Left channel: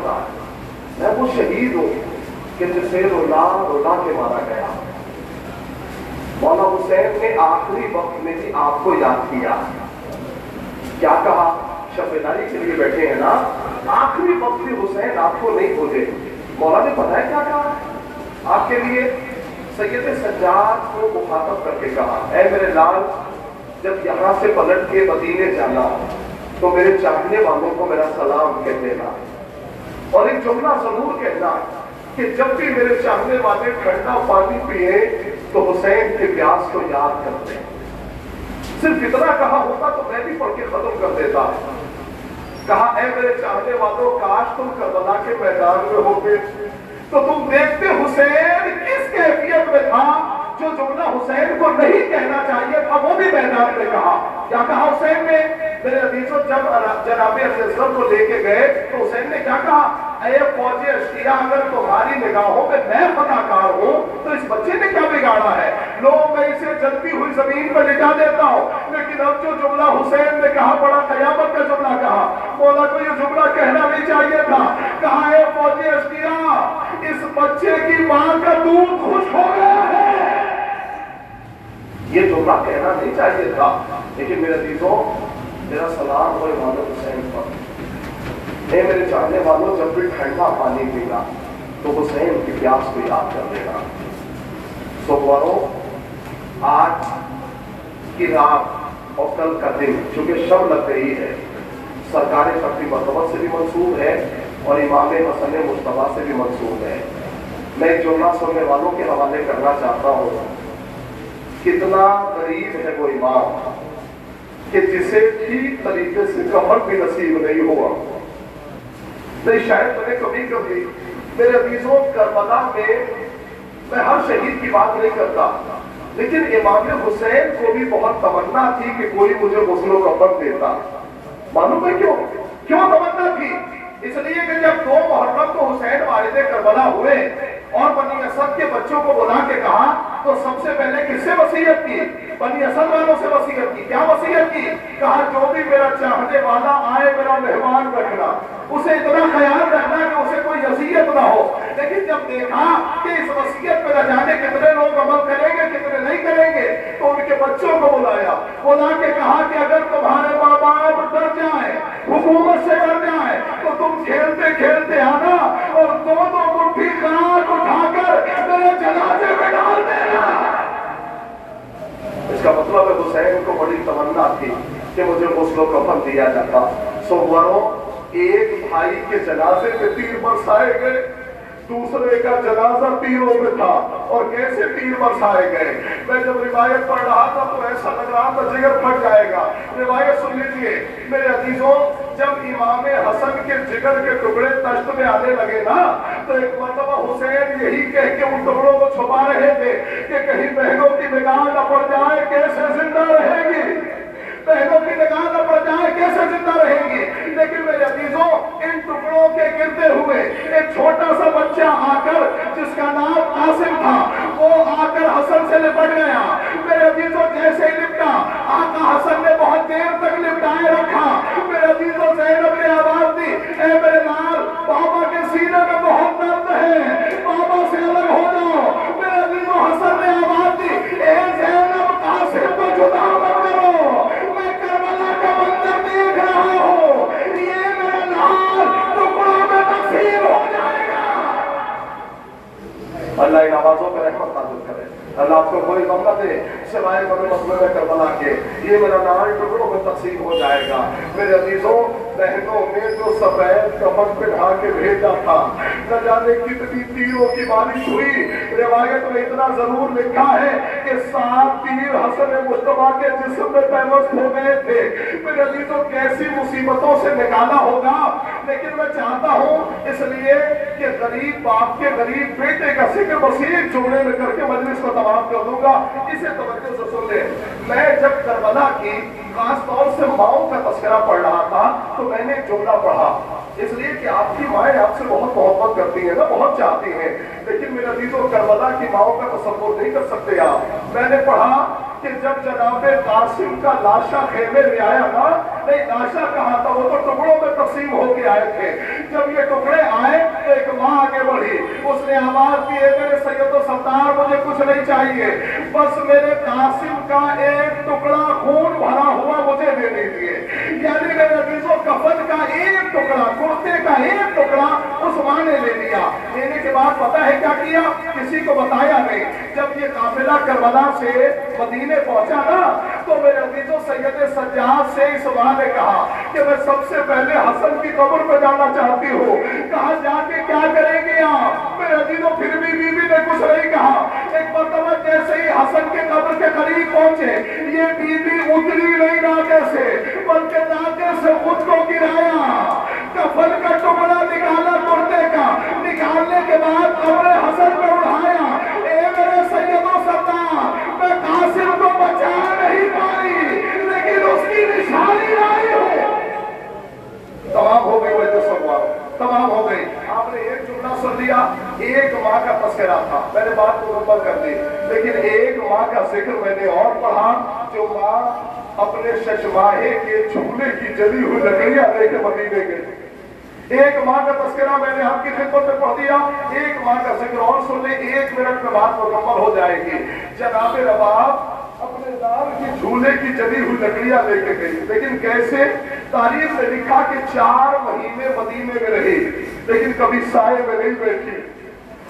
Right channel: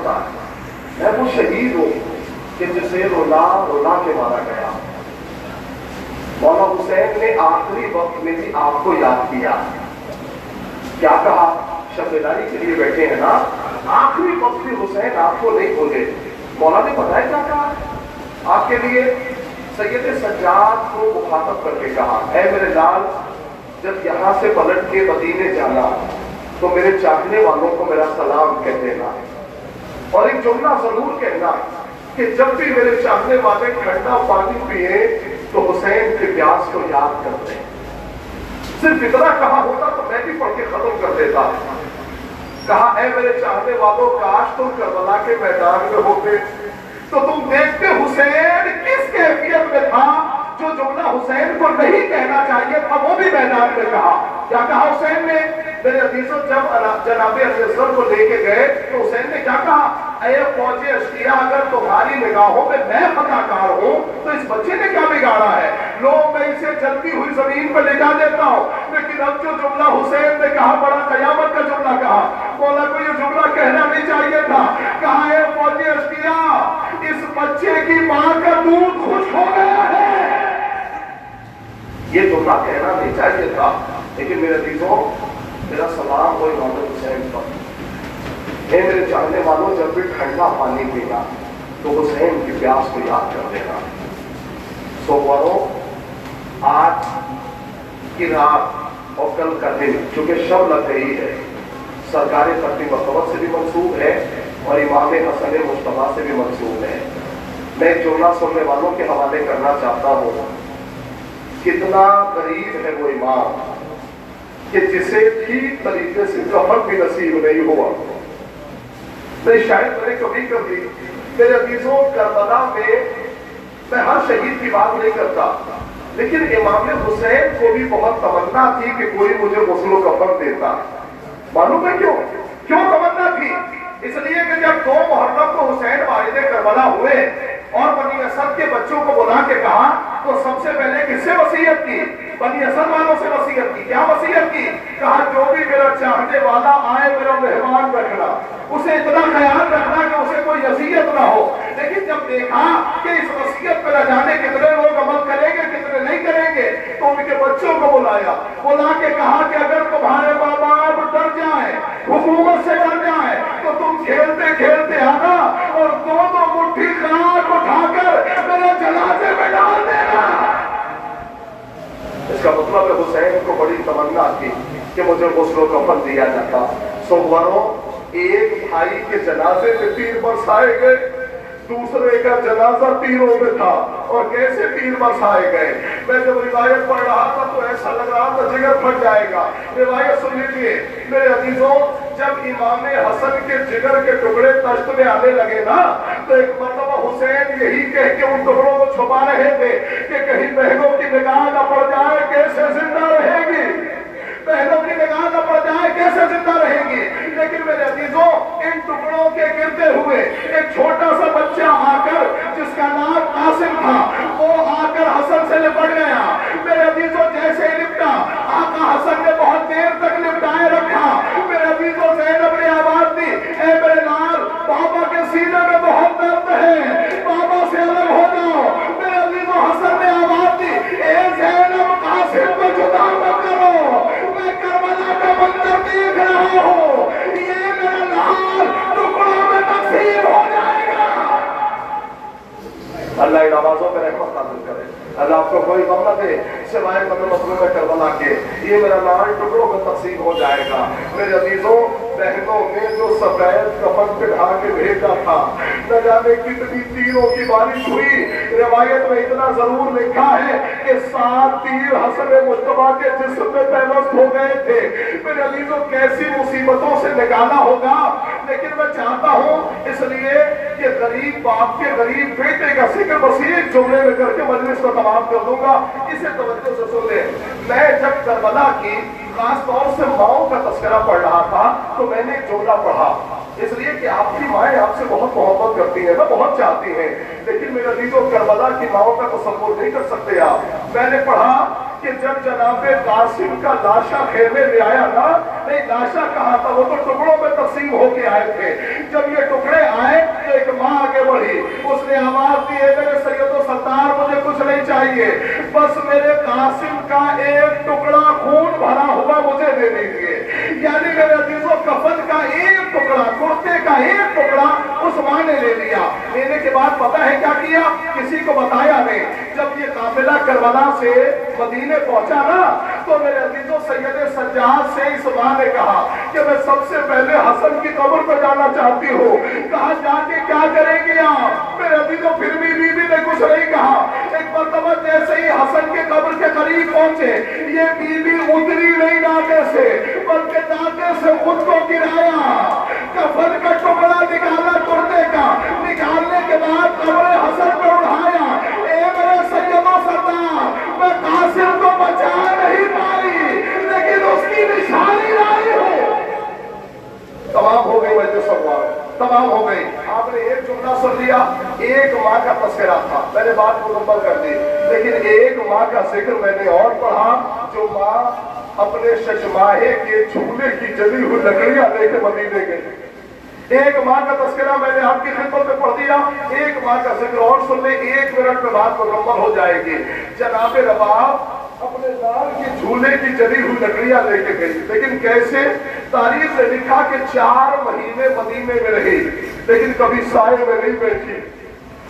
करता है। मैं वो शहीद हूँ कि जिसे रुला रुला के मारा गया। मौला हुसैन ने आखिरी वक्त में भी आपको याद किया। क्या कहा? शब्दारी के लिए बैठे हैं ना, आखिरी वक्त भी हुसैन आपको नहीं भूले। मौला ने पता है क्या कहा आपके लिए? सैयद सज्जाद को मुखातब करके कहा, ऐ मेरे लाल, जब यहाँ से पलट के मदीने जाना तो मेरे चाहने वालों को मेरा सलाम कह देना, और एक जुमला जरूर कहना कि जब भी मेरे चाहने वाले ठंडा पानी पिए तो हुसैन के प्यास को याद करते हैं। सिर्फ इतना कहा होता तो मैं भी पढ़ के खत्म कर देता। कहा, ऐ मेरे चाहने वालों, काश तुम करबला के मैदान में होते तो तुम देखते हुसैन किस कैफियत में था। जो जुमला हुसैन को नहीं कहना चाहिए था वो भी मैदान में कहा। क्या कहा हुसैन ने? मेरे अजीजों, जब जनाबे असगर को लेके गए तो हुसैन ने क्या कहा? ऐ फौज अश्किया, अगर तुम्हारी निगाहों में मैं खताकार हूं तो इस बच्चे ने क्या बिगाड़ा है? लो, मैं इसे जलती हुई जमीन पर लिटा देता हूं। लेकिन अब जो जुमला हुसैन ने कहा, बड़ा कयामत का जुमला कहा। मौला को ये जुमला कहना नहीं चाहिए था। कहा, ऐ फौज अश्किया, इस बच्चे की मां का दूध खुश हो गया है। ये जुमला कहना नहीं चाहिए था। लेकिन मेरे अजीजों, मेरा सलाम हो इमाम हुसैन पर। हे मेरे चाहने वालों, जब भी ठंडा पानी पीना तो हुसैन की प्यास को याद कर देना। सोमवारों, आज की रात और कल का दिन चूंकि शब लग गई है, सरकार फतह मरतबत से भी मंसूब है और इमाम हसन मुस्तफा से भी मंसूब है। मैं एक जुमला सुनने वालों के हवाले करना चाहता हूँ। कितना गरीब है वो इमाम कि जिसे ठीक तरीके से कफन भी नसीब नहीं हुआ। नहीं, शायद मैंने कभी कभी मेरे अजीजों, करबला में मैं हर शहीद की बात नहीं करता, लेकिन इमाम हुसैन को भी बहुत तमन्ना थी कि कोई मुझे गुस्ल कफन देता। मालूम है क्यों? क्यों तमन्ना थी? इसलिए कि जब 2 मुहर्रम को हुसैन वालिद करबला हुए और बनी असद के बच्चों को बुला के कहा तो सबसे पहले किससे वसीयत की? बनी असद वालों से वसीयत की। क्या वसीयत की? कहा, जो भी मेरा चाहने वाला आए मेरा मेहमान रखना, उसे इतना ख्याल रखना कि उसे कोई अजियत ना हो। लेकिन जब देखा कि इस वसीयत पे न जाने कितने लोग अमल करेंगे कितने नहीं करेंगे, तो उनके बच्चों को बुलाया, बुला के कहा कि अगर तुम्हारे माँ बाप डर जाए, हुकूमत से डर जाए, तो तुम खेलते खेलते आना और 2-2 मुट्ठी खाक उठाकर मेरे जनाजे में डाल देना। इसका मतलब है हुसैन को बड़ी तमन्ना थी कि मुझे गुस्ल कफन दिया जाता। सोमवारों, एक भाई के जनाजे में तीर बरसाए गए, दूसरे का जनाजा तीरों में था। और कैसे तीर बरसाए गए? मैं जब रिवायत पढ़ रहा था तो ऐसा लग रहा था जिगर फट जाएगा। रिवायत सुन लीजिए मेरे अजीजों, जब इमाम हसन के जिगर के टुकड़े तश्त में आने लगे ना, तो एक मरतबा हुसैन यही कह के उन टुकड़ों को छुपा रहे थे कि कहीं बहनों की निगाह न पड़ जाए, कैसे जिंदा रहेगी? बहनों की निगाह न पड़ जाए, कैसे जिंदा रहेगी? लेकिन मेरे अजीजों, इन टुकड़ों के गिरते हुए एक छोटा सा बच्चा आकर, जिसका नाम कासिम था, वो आकर हसन से लिपट गया। मेरे अजीजों, जैसे ही लिपटा, आका हसन ने बहुत देर तक लिपटाए रखा। मेरे अजीजों, ज़ैनब ने आवाज दी, ऐ मेरे लाल, बाबा के सीने में बहुत दर्द है, बाबा से अलग हो जाओ। मेरे अजीजों, हसन ने आवाज दी, ऐ ज़ैनब, कासिम को जुदा मत करो, मैं करबला का मंजर देख रहा हूँ, ये मेरा लाल टुकड़ों में तकसीम हो जाएगा। अल्लाह इन आवाजों पर रहमत नाज़िल करे। अल्लाह आपको कोई गम न दे सिवाय मसलूब करबला के। ये मेरा लाल टुकड़ों में तकसीम हो जाएगा। मेरे अजीजों, बहनों ने जो सफेद कफन पे ढा के भेजा था, न जाने कितनी तीरों की बारिश हुई। रिवायत में इतना जरूर लिखा है कि 7 तीर हसन मुस्तफा के जिस्म में पैवस्त हो गए थे। मेरे अजीजों, कैसी मुसीबतों से निकाला होगा। लेकिन मैं चाहता हूँ इसलिए कि गरीब बाप के गरीब बेटे का जिक्र बस एक जुमले में करके मजलिस को तमाम कर दूंगा। इसे तवज्जो से सुन ले। मैं जब करबला की खास तौर से माओ का तस्करा पढ़ रहा था तो मैंने एक जुमला पढ़ा, इसलिए कि आपकी माएँ आपसे बहुत मोहब्बत करती हैं ना, बहुत चाहती हैं। लेकिन मेरे अजीजों, करबला की माओ का तसव्वुर नहीं कर सकते आप। मैंने पढ़ा कि जब जनाबे कासिम का लाशा खेमे में आया ना, नहीं लाशा कहा था, वो तो टुकड़ों में तकसीम होके आए थे। जब ये टुकड़े اس نے آواز دی ہے میرے سید و سردار مجھے کچھ نہیں چاہیے، بس میرے قاسم کا ایک ٹکڑا خون بھرا ہوا مجھے دے دیجیے۔ یعنی میرے عزیزوں کفن کا ایک ٹکڑا، کرتے کا ایک ٹکڑا عثمان نے لے لیا۔ لینے کے بعد پتہ ہے کیا کیا؟ کسی کو بتایا نہیں۔ جب یہ قافلہ کربلا سے مدینے پہنچا نا تو میرے عزیزوں سید سجاد سے عثمان نے کہا کہ میں سب سے پہلے حسن کی قبر پہ جانا چاہتی ہوں۔ کہا جا کے کیا کریں گے آپ؟ میرے عزیزوں پھر بھی بیوی نے کچھ نہیں کہا۔ ایک مرتبہ جیسے ہی حسن کے قبر کے قریب پہنچے، یہ بیوی اتری نہیں ناکے سے بلکہ ناکے سے خود کو گرایا، کفن کا ٹکڑا نکالا کرتے کا، نکالنے کے بعد قبر حسن پہ اٹھایا۔ اے میرے سید و سردار، میں قاسم کو بچا نہیں پائی لیکن اس کی نشانی لائی ہوں۔ تمام ہو گئی وجہ سوال، تمام ہو گئی۔ آپ نے ایک جملہ سن لیا، ایک ماں کا تذکرہ تھا، میں نے بات مکمل کر دی، لیکن ایک ماں کا ذکر میں نے اور پڑھا جو ماں اپنے ششماہے کے جھولے کی جلی ہوئی لکڑیاں لے کے مدینے گئی۔ ایک ماں کا تذکرہ میں نے آپ کی خدمت میں پڑھ دیا، ایک ماں کا ذکر اور سن لیں، 1 منٹ میں بات مکمل ہو جائے گی۔ جناب رباب اپنے لال کی جھولے کی جلی ہوئی لکڑیاں لے کے گئی، لیکن کیسے؟ تاریخ نے لکھا کہ 4 مہینے مدینے میں رہی لیکن کبھی سائے میں نہیں بیٹھی،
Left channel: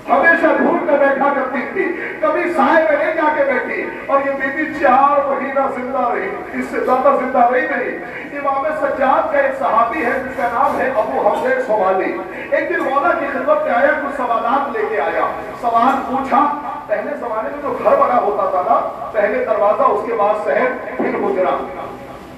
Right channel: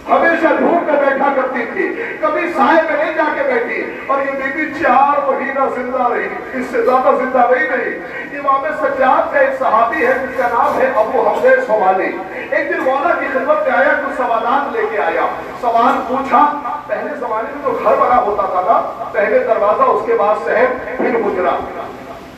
ہمیشہ دھوپ میں بیٹھا کرتی تھی، کبھی سائے میں نہیں جا کے بیٹھی، اور یہ بی بی 4 مہینہ زندہ رہی، اس سے زیادہ زندہ رہی۔ امام سجاد کا ایک صحابی ہے جس کا نام ہے ابو حمزہ سوالی، ایک دن مولا کی خدمت میں آیا، کچھ سوالات لے کے آیا، سوال پوچھا۔ پہلے زمانے میں تو گھر بنا ہوتا تھا نا، پہلے دروازہ اس کے بعد صحن پھر حجرہ،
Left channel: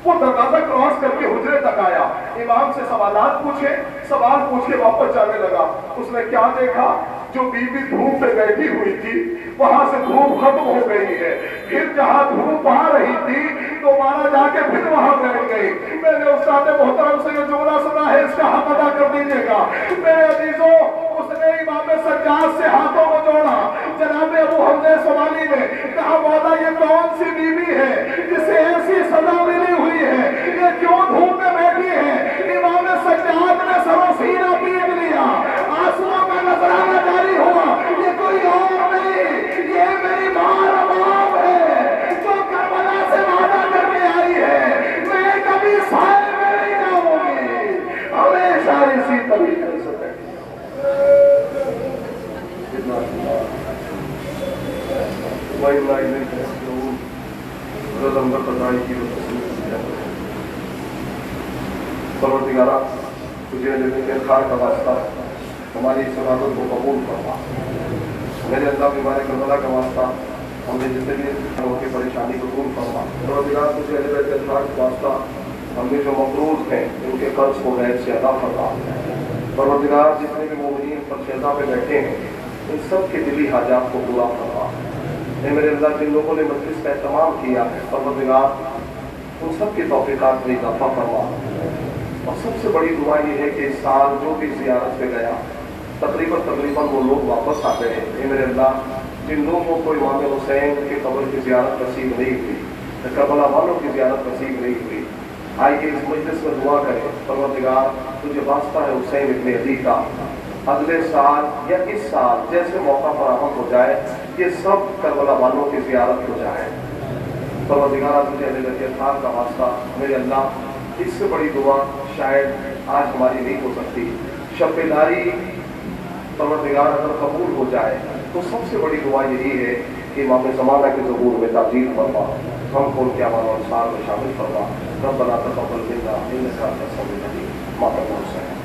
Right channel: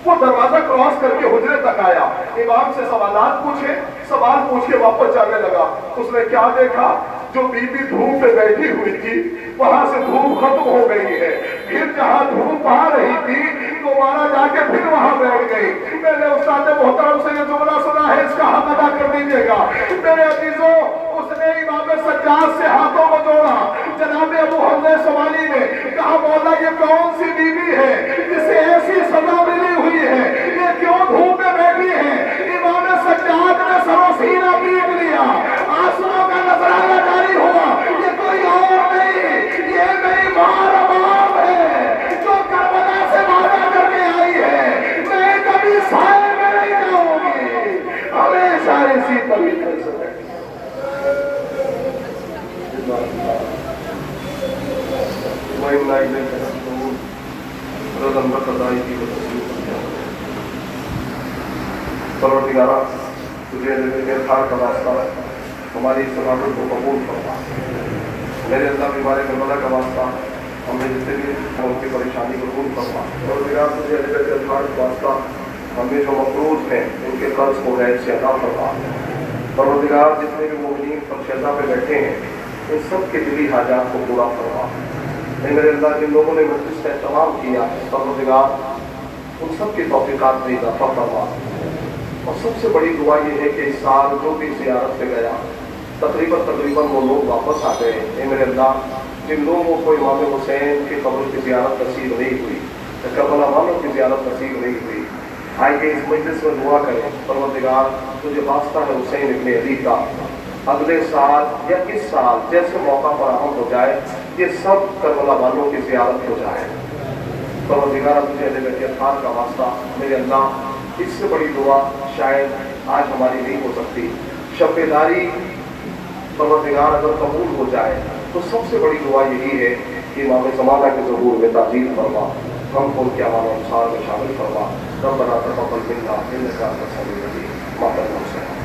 وہ دروازہ کراس کر کے حجرے تک آیا، امام سے سوالات پوچھے، سوال پوچھ کے واپس جانے لگا۔ اس نے کیا دیکھا؟ جو بی بی دھوپ پہ بیٹھی ہوئی تھی وہاں سے دھوپ ختم ہو گئی ہے، پھر جہاں دھوپ آ رہی تھی دوبارہ جا کے پھر وہاں بیٹھ گئی۔ میں نے استاد محترم سے یہ جملہ سنا ہے، اس کا حق ادا کر دیجیے گا۔ میرے عزیزوں اس نے امام سجاد سے ہاتھوں کو جوڑا، جناب ابو حمزہ سوالی نے کہا مولا یہ کون سی بیوی ہے جسے ایسی سزا ملی ہوئی ہے، یہ کیوں دھوپ میں بیٹھی ہے؟ امام سجاد نے سر و سینہ پیٹ لیا، آنسوؤں کا نذرانہ جاری ہوا، یہ کوئی اور نہیں، یہ میری ماں رباب ہے جو کربلا سے وعدہ کر کے آئی ہے میں کبھی سائے میں نہیں جاؤں گی، ہمیشہ اسی طریقے سے بیٹھی۔ پروردگارہ تجھے خار کا واسطہ ہماری اس عبادت کو قبول فرما، میرے اللہ بیمار کربلا کا واسطہ ہمیں جتنے بھی ان کی پریشانی کو دور فرما۔ پروردگار تجھے خار کا واسطہ ہمیں جو مقروض ہیں ان کے قرض کو غیر سے ادا فرما۔ پروردگار جتنے بھی مومنین فرشتہ پہ بیٹھے ہیں ان سب کے دلی حاجات کو پورا فرما۔ اے میرے اللہ جن لوگوں نے مجلس کا اہتمام کیا ہے پروردگار ان سب کی توفیقات میں اضافہ فرما۔ اور سب سے بڑی دعا یہ ہے کہ اس سال جو بھی زیارت پہ گیا تقریباً وہ لوگ واپس آ گئے۔ اے میرے اللہ جن لوگوں کو امام حسین کی قبر کی زیارت نصیب نہیں ہوئی، کربلا والوں کی زیارت نصیب نہیں ہوئی، آئیے اس مجلس میں دعا کریں پروردگار تجھے واسطہ ہے حسین ابن علی کا، اگلے سال یا اس سال جیسے موقع فراہم ہو جائے یہ سب کربلا والوں کی زیارت ہو جائے۔ پروردگار تجھے اہل بیت اطہار کا واسطہ میرے اللہ اس سے بڑی دعا شاید آج ہماری نہیں ہو سکتی۔ شب بیداری پروردگار اگر قبول ہو جائے تو سب سے بڑی دعا یہی ہے کہ امام زمانہ کے ظہور میں تعجیل فرما، ہم کو کیا مانو انصار میں شامل فرما۔ ربنا تقبل منا انک انت السمیع العلیم۔ ماتم حسین۔